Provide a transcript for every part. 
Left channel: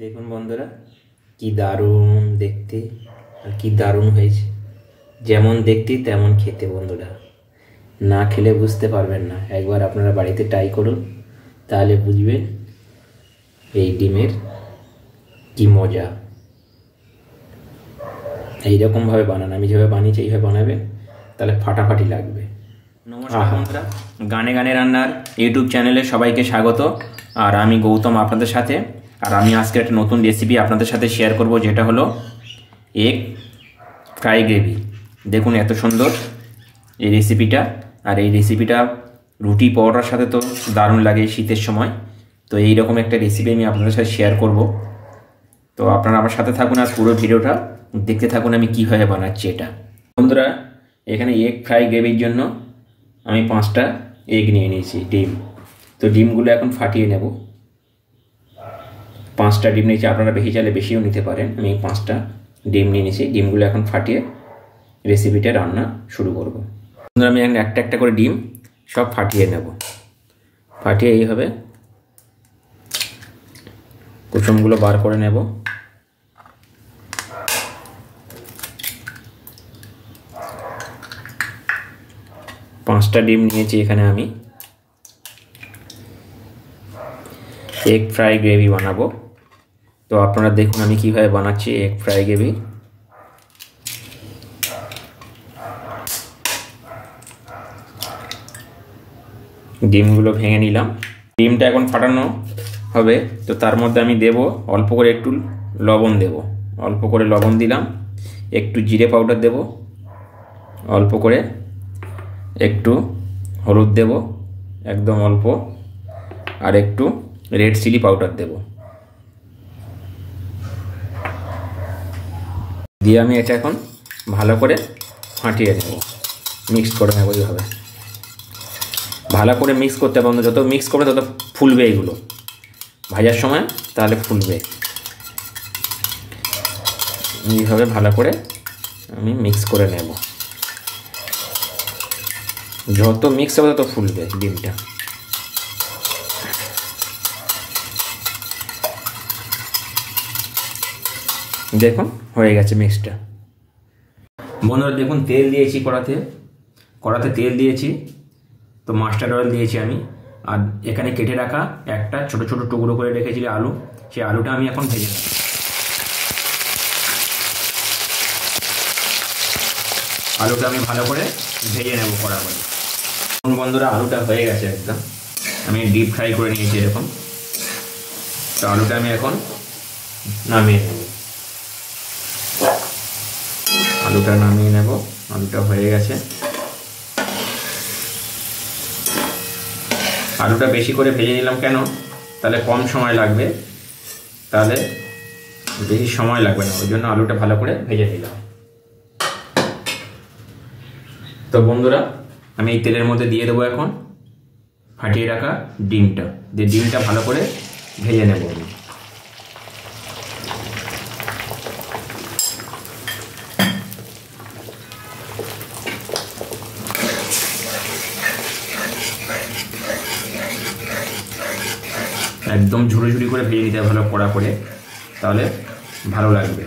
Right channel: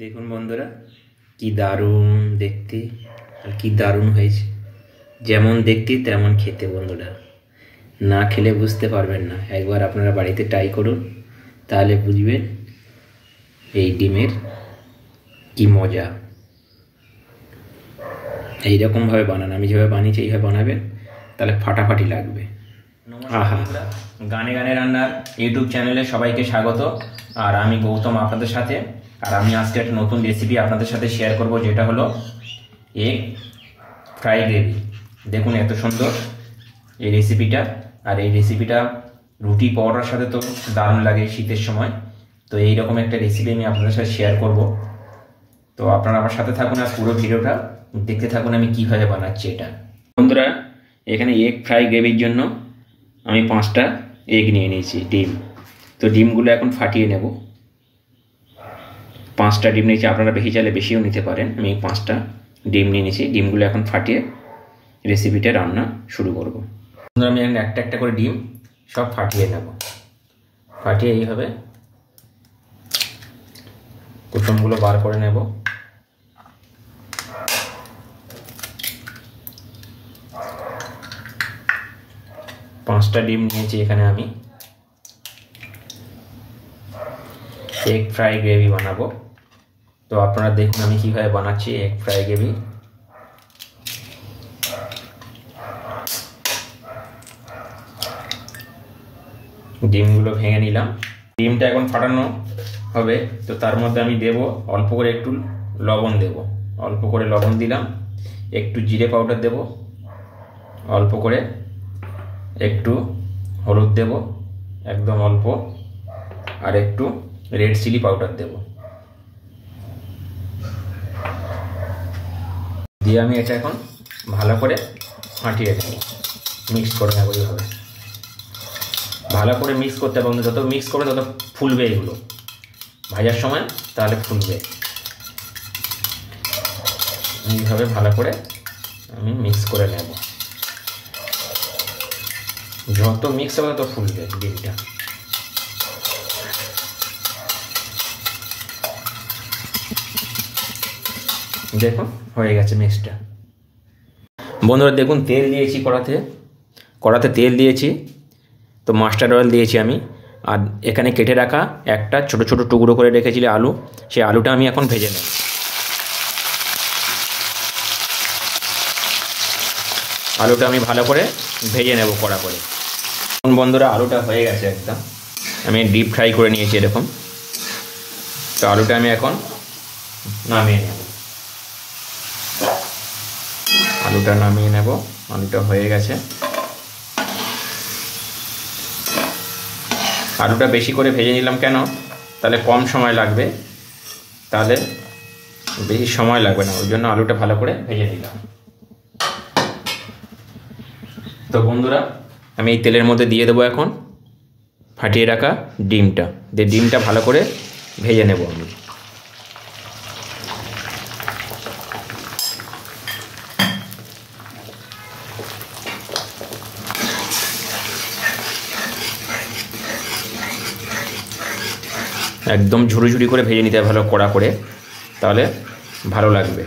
দেখুন বন্ধুরা, কি দারুণ দেখতে আর কি দারুণ হয়েছে। যেমন দেখতে তেমন খেতে বন্ধুরা, না খেলে বুঝতে পারবেন না। একবার আপনারা বাড়িতে ট্রাই করুন, তাহলে বুঝবেন এই ডিমের কি মজা। এইরকমভাবে বানান, আমি যেভাবে বানিয়েছি এইভাবে বানাবেন, তাহলে ফাটাফাটি লাগবে। আহা, গানে গানে রান্নার ইউটিউব চ্যানেলে সবাইকে স্বাগত। আর আমি গৌতম আপনাদের সাথে। আর আমি আজকে একটা নতুন রেসিপি আপনাদের সাথে শেয়ার করব, যেটা হলো এগ ফ্রাই গ্রেভি। দেখুন এত সুন্দর এই রেসিপিটা। আর এই রেসিপিটা রুটি পরোটার সাথে তো দারুণ লাগে শীতের সময়। তো এইরকম একটা রেসিপি আমি আপনাদের সাথে শেয়ার করব। তো আপনারা আমার সাথে থাকুন আর পুরো ভিডিওটা দেখতে থাকুন আমি কীভাবে বানাচ্ছি এটা। বন্ধুরা, এখানে এগ ফ্রাই গ্রেভির জন্য আমি 5টা এগ নিয়ে নিয়েছি, ডিম। তো ডিমগুলো এখন ফাটিয়ে নেব। 5টা ডিম নিয়েছি, আপনারা বেশি চাইলে বেশিও নিতে পারেন। আমি 5টা ডিম নিয়ে নিয়েছি, ডিমগুলো এখন ফাটিয়ে রেসিপিটা রান্না শুরু করব। আমি এখন একটা একটা করে ডিম সব ফাটিয়ে নেব। ফাটিয়ে এইভাবে কুসুমগুলো বার করে নেব। পাঁচটা ডিম নিয়েছি এখানে আমি এগ ফ্রাই গ্রেভি বানাবো। তো আপনারা দেখুন আমি কিভাবে বানাচ্ছি এগ ফ্রাই গ্রেভি। ডিমগুলো ভেঙে নিলাম। ডিমটা এখন ফাটানো হবে, তো তার মধ্যে আমি দেব অল্প করে একটু লবণ দেব। অল্প করে লবণ দিলাম, একটু জিরে পাউডার দেব, অল্প করে একটু হলুদ দেব, একদম অল্প, আর একটু রেড চিলি পাউডার দেব। দিয়ে আমি এটা এখন ভালো করে ফাটিয়ে নেব, মিক্স করে নেব। এইভাবে ভালো করে মিক্স করতে হবে। যত মিক্স করবে তত ফুলবে এগুলো ভাজার সময়, তাহলে ফুলবে। এইভাবে ভালো করে আমি মিক্স করে নেব। যত মিক্স হবে তত ফুলবে ডিমটা। দেখুন হয়ে গেছে মিক্সটা। বন্ধুরা দেখুন, তেল দিয়েছি কড়াতে তেল দিয়েছি। তো মাস্টার্ড অয়েল দিয়েছি আমি। আর এখানে কেটে রাখা একটা ছোট ছোট টুকরো করে রেখেছিলে আলু, সেই আলুটা আমি এখন ভেজে নেব। আলুটা আমি ভালো করে ভেজে নেব কড়া করে। বন্ধুরা, আলুটা হয়ে গেছে একদম, আমি ডিপ ফ্রাই করে নিয়েছি এরকম। তো আলুটা আমি এখন নামিয়ে নেব। আলুটা নামিয়ে নেব। আলুটা হয়ে গেছে। আলুটা বেশি করে ভেজে নিলাম কেন, তাহলে কম সময় লাগবে, তাহলে বেশি সময় লাগবে না, ওই জন্য আলুটা ভালো করে ভেজে নিলাম। তো বন্ধুরা, আমি এই তেলের মধ্যে দিয়ে দেবো এখন ফাটিয়ে রাখা ডিমটা। দিয়ে ডিমটা ভালো করে ভেজে নেব আমি। একদম ঝুড়ি করে ভেজে নিতে হবে ভালো কড়া করে, তাহলে ভালো লাগবে।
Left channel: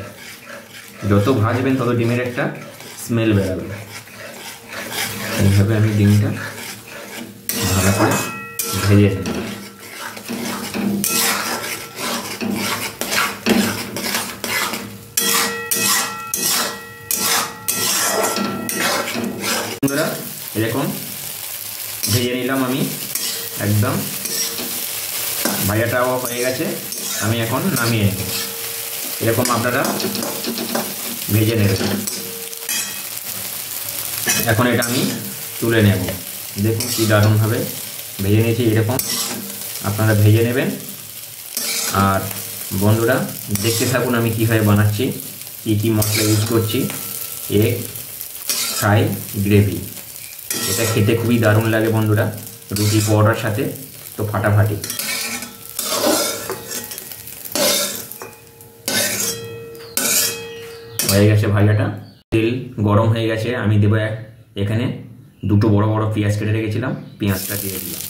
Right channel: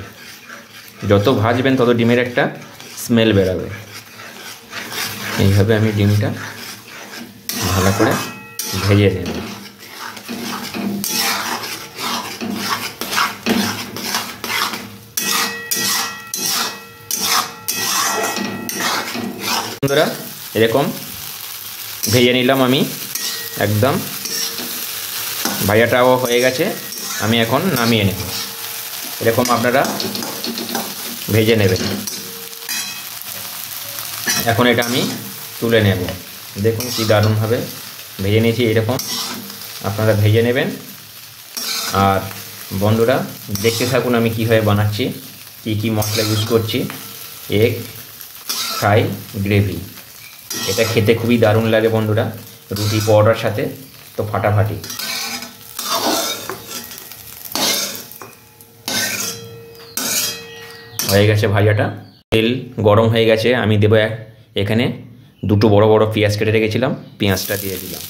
যত ভাজবেন তত ডিমের একটা স্মেল বেরোবে। এইভাবে আমি ডিমটা ভালো করে ভেজে নেব। বন্ধুরা, এরকম ভেজে নিলাম আমি একদম। ভাজাটাও হয়ে গেছে, আমি এখন নামিয়ে নেব। এরকম আপনারা ভেজে নেবেন। এখন এটা আমি তুলে নেব। দেখুন কি দারুণভাবে ভেজে নিয়েছি। এরকম আপনারা ভেজে নেবেন। আর বন্ধুরা দেখতে থাকুন আমি কীভাবে বানাচ্ছি, কী মশলা ইউজ করছি। এগ ফ্রাই গ্রেভি, এটা খেতে খুবই দারুণ লাগে বন্ধুরা, রুটি পরোটার সাথে তো ফাটাফাটি। হয়ে গেছে ভাজাটা, তেল গরম হয়ে গেছে। আমি দেবো এখানে দুটো বড় বড় পেঁয়াজ কেটে রেখেছিলাম, পেঁয়াজটা দিয়ে দিলাম।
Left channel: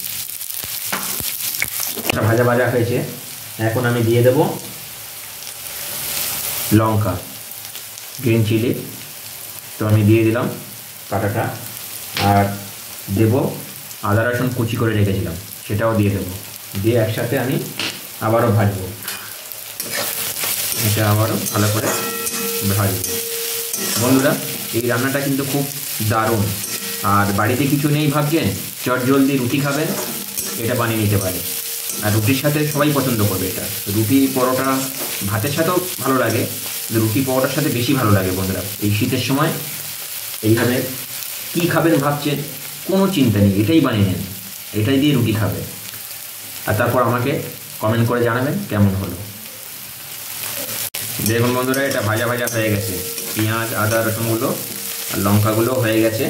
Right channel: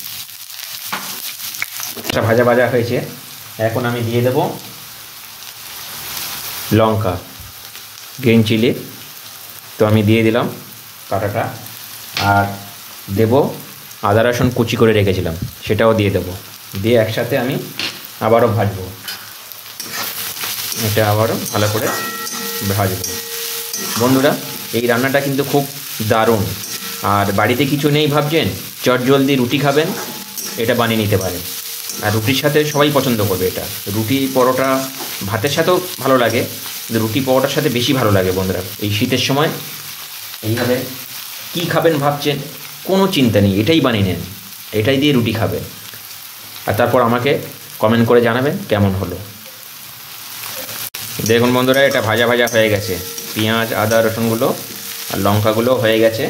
ভাজা হয়েছে। এখন আমি দিয়ে দেবো লঙ্কা, গ্রিন চিলি, তো আমি দিয়ে দিলাম কাটাটা। আর দেব আদা রসুন কুচি করে রেখেছিলাম, সেটাও দিয়ে দেবো। দিয়ে একসাথে আমি আবারও ভাজবো, এটা আবারও ভালো করে ভাজবো। বন্ধুরা, এই রান্নাটা কিন্তু খুব দারুণ। আর বাড়িতে কিছু নেই ভাবছেন, চটজলদি রুটি খাবেন, এটা বানিয়ে নিতে পারে। আর রুটির সাথে সবাই পছন্দ করবে এটা। রুটি পরোটা ভাতের সাথেও ভালো লাগে, কিন্তু রুটি পরোটার সাথে বেশি ভালো লাগে। বন্ধুরা, এই শীতের সময় এইভাবে কী খাবেন ভাবছেন, কোনো চিন্তা নেই, এটাই বানিয়ে নেন, এটাই দিয়ে রুটি খাবেন। আর তারপর আমাকে কমেন্ট করে জানাবেন কেমন হলো। দেখুন বন্ধুরা, এটা ভাজা ভাজা হয়ে গেছে, পেঁয়াজ আদা রসুনগুলো আর লঙ্কাগুলো হয়ে গেছে।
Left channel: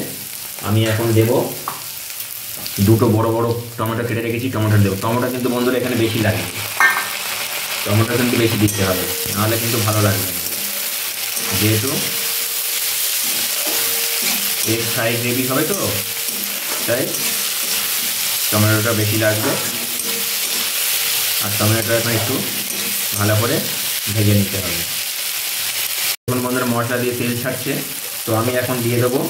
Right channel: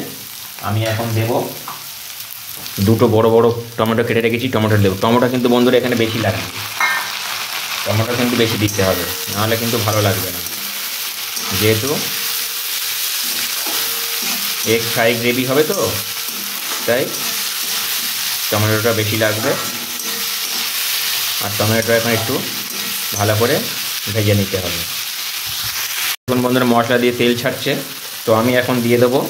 আমি এখন দেব দুটো বড় বড় টমেটো কেটে রেখেছি, টমেটো দেবো। টমেটো কিন্তু বন্ধুরা এখানে বেশি লাগে, টমেটো কিন্তু বেশি দিতে হবে, নাহলে কিন্তু ভালো লাগবে না। যেহেতু এগ ফ্রাই গ্রেভি হবে, তো তাই টমেটোটা বেশি লাগবে। আর টমেটোটা এখন একটু ভালো করে ভেজে নিতে হবে। এখন বন্ধুরা মশলা দিয়ে তেল ছাড়ছে, তো আমি এখন দিয়ে দেবো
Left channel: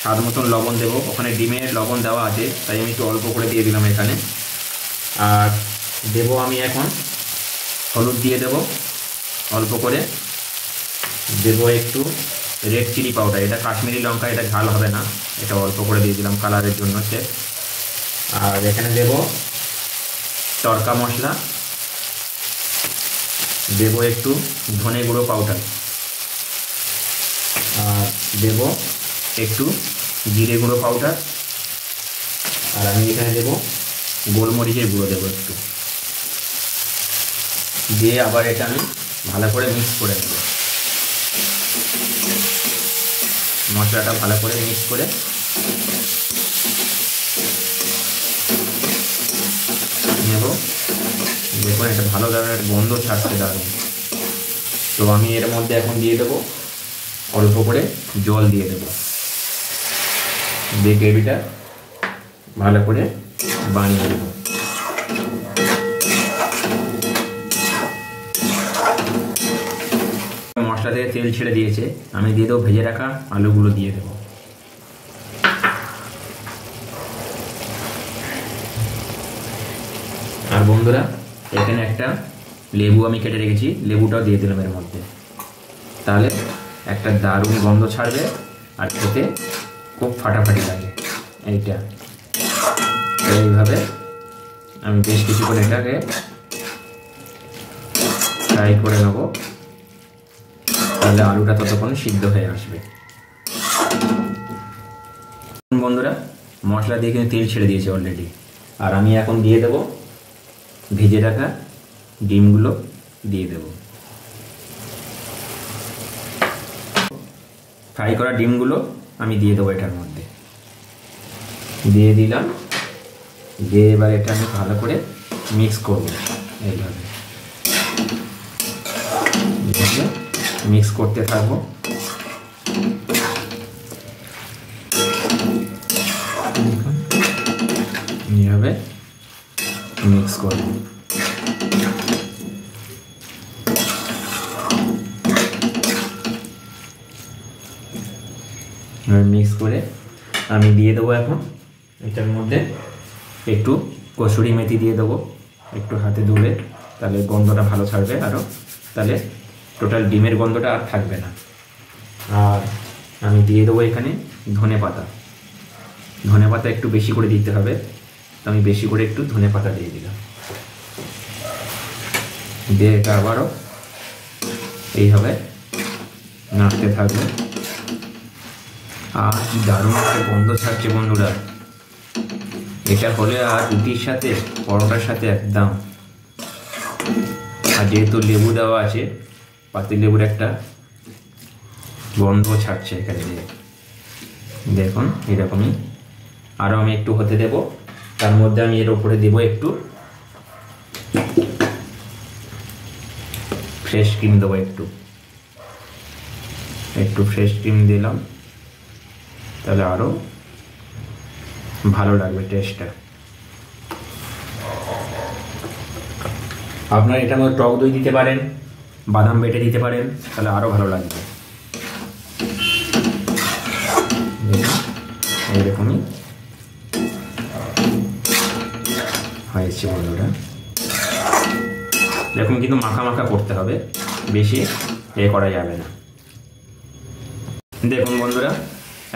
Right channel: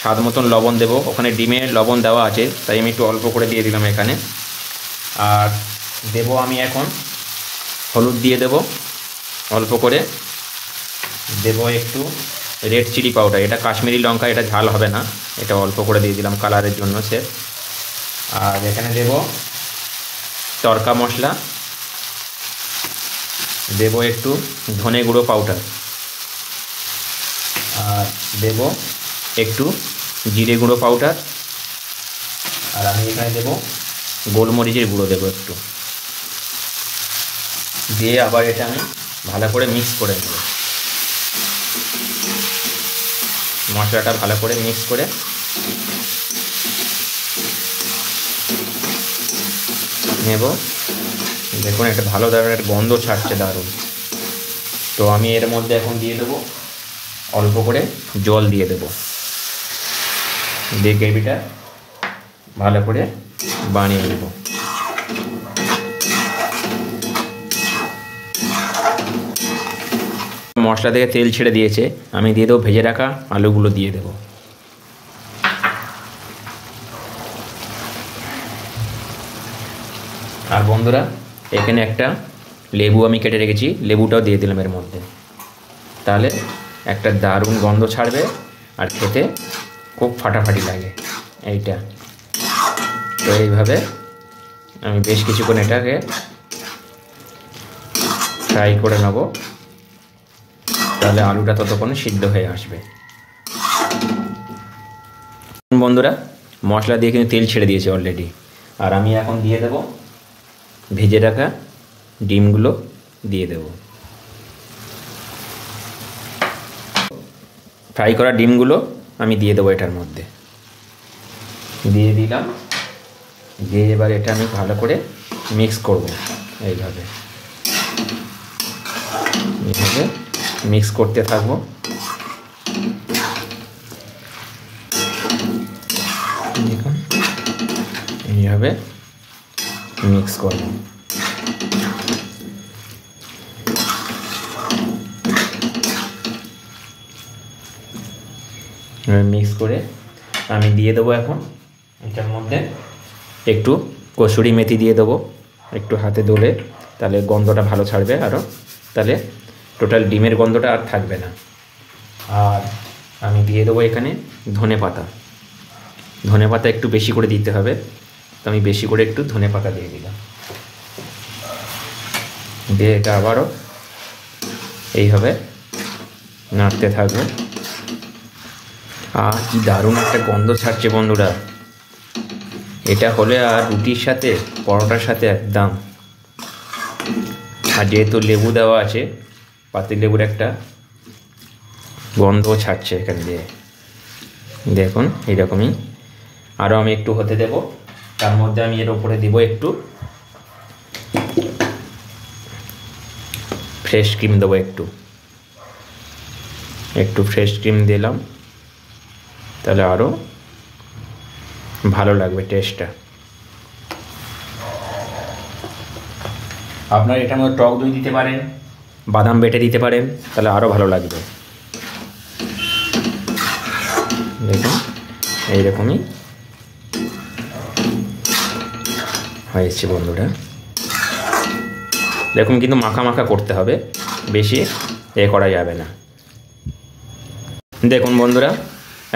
স্বাদ মতন লবণ দেবো। ওখানে ডিমের লবণ দেওয়া আছে, তাই আমি একটু অল্প করে দিয়ে দিলাম এখানে। আর দেবো আমি এখন হলুদ দিয়ে দেবো অল্প করে। দেবো একটু রেড চিলি পাউডার, এটা কাশ্মীরি লঙ্কা, এটা ঝাল হবে না, এটা অল্প করে দিয়ে দিলাম কালারের জন্য সে। আর এখানে দেবো তড়কা মশলা, দেবো একটু ধনে গুঁড়ো পাউডার, আর দেবো একটু জিরে গুঁড়ো পাউডার। আর আমি এখানে দেবো গোলমরিচের গুঁড়ো দেবো একটু। দিয়ে আবার এটা আমি ভালো করে মিক্স করে দেবো। মশলাটা ভালো করে মিক্স করে নেব। দেখুন একটা ভালো ধরনের গন্ধ ছাড়ছে, দারুণ। তো আমি এর মধ্যে এখন দিয়ে দেবো অল্প করে জল দিয়ে দেবো, দিয়ে গ্রেভিটা ভালো করে বানিয়ে দেবো। মশলা থেকে তেল ছেড়ে দিয়েছে, আমি দিয়ে দেবো ভেজে রাখা আলুগুলো দিয়ে দেবো। আর বন্ধুরা, এখানে একটা লেবু আমি কেটে রেখেছি, লেবুটাও দিয়ে দিলাম এর মধ্যে। তাহলে একটা দারুণ গন্ধ ছাড়বে আর খেতে খুব ফাটাফাটি লাগে এইটা। তো এইভাবে আমি বেশ কিছুক্ষণ এটাকে ফ্রাই করে নেব, তাহলে আলুটা ততক্ষণ সিদ্ধ হয়ে আসবে। বন্ধুরা, মশলা দিয়ে কিন্তু তেল ছেড়ে দিয়েছে অলরেডি। আর আমি এখন দিয়ে দেব ভেজে রাখা ডিমগুলো দিয়ে দেব। ফ্রাই করা ডিমগুলো আমি দিয়ে দেবো এটার মধ্যে, দিয়ে দিলাম। দিয়ে এবার এটা আমি ভালো করে মিক্স করব, এইভাবে মিক্স করতে থাকবো। এইভাবে মিক্স করব। মিক্স করে আমি দিয়ে দেবো এখন এটার মধ্যে একটু কসুরি মেথি দিয়ে দেবো, একটু হাতে দোলে, তাহলে গন্ধটা ভালো ছাড়বে আরও, তাহলে টোটাল ডিমের গন্ধটা আর থাকবে না। আর আমি দিয়ে দেবো এখানে ধনে পাতা। ধনে পাতা একটু বেশি করে দিতে হবে, তো আমি বেশি করে একটু ধনে পাতা দিয়ে দিলাম। দিয়ে এটা আবারও এইভাবে নাড়তে থাকবে। আর কি দারুণ একটা গন্ধ ছাড়ছে বন্ধুরা, এটা হলে আর রুটির সাথে পরোটার সাথে একদম। আর যেহেতু লেবু দেওয়া আছে, পাতিলেবুর একটা গন্ধ ছাড়ছে এখানে দিয়ে, দেখুন এরকমই। আরও আমি একটু হতে দেব, তার মধ্যে আমি এর ওপরে দেব একটু ফ্রেশ ক্রিম দেবো, একটু ফ্রেশ ক্রিম দিলাম, তাহলে আরও ভালো লাগবে টেস্টটা। আপনারা এটার মধ্যে টক দই দিতে পারেন, বাদাম বেটে দিতে পারেন, তাহলে আরও ভালো লাগবে। দেখুন এইরকমই হয়েছে বন্ধুরা। দেখুন কিন্তু মাখা মাখা করতে হবে, বেশি করা যাবে না। দেখুন বন্ধুরা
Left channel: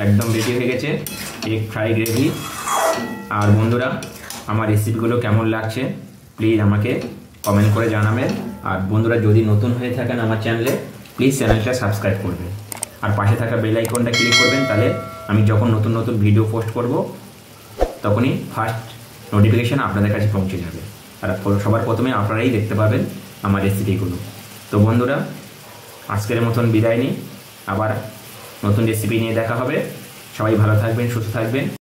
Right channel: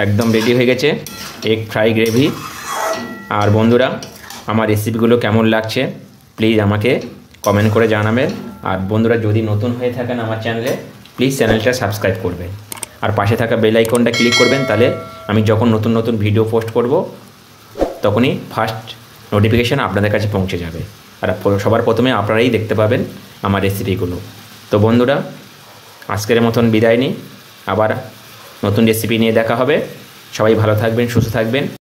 একদম রেডি হয়ে গেছে এগ ফ্রাই গ্রেভি। আর বন্ধুরা আমার রেসিপিগুলো কেমন লাগছে প্লিজ আমাকে কমেন্ট করে জানাবেন। আর বন্ধুরা যদি নতুন হয়ে থাকেন আমার চ্যানেলে, প্লিজ চ্যানেলটা সাবস্ক্রাইব করবেন আর পাশে থাকা বেল আইকনটা ক্লিক করবেন, তাহলে আমি যখন নতুন নতুন ভিডিও পোস্ট করব তখনই ফার্স্ট নোটিফিকেশান আপনাদের কাছে পৌঁছে যাবে। আর সবার প্রথমে আপনারাই দেখতে পাবেন আমার রেসিপিগুলো। তো বন্ধুরা আজকের মতন বিদায় নিই, আবার নতুন রেসিপি নিয়ে দেখা হবে। সবাই ভালো থাকবেন, সুস্থ থাকবেন।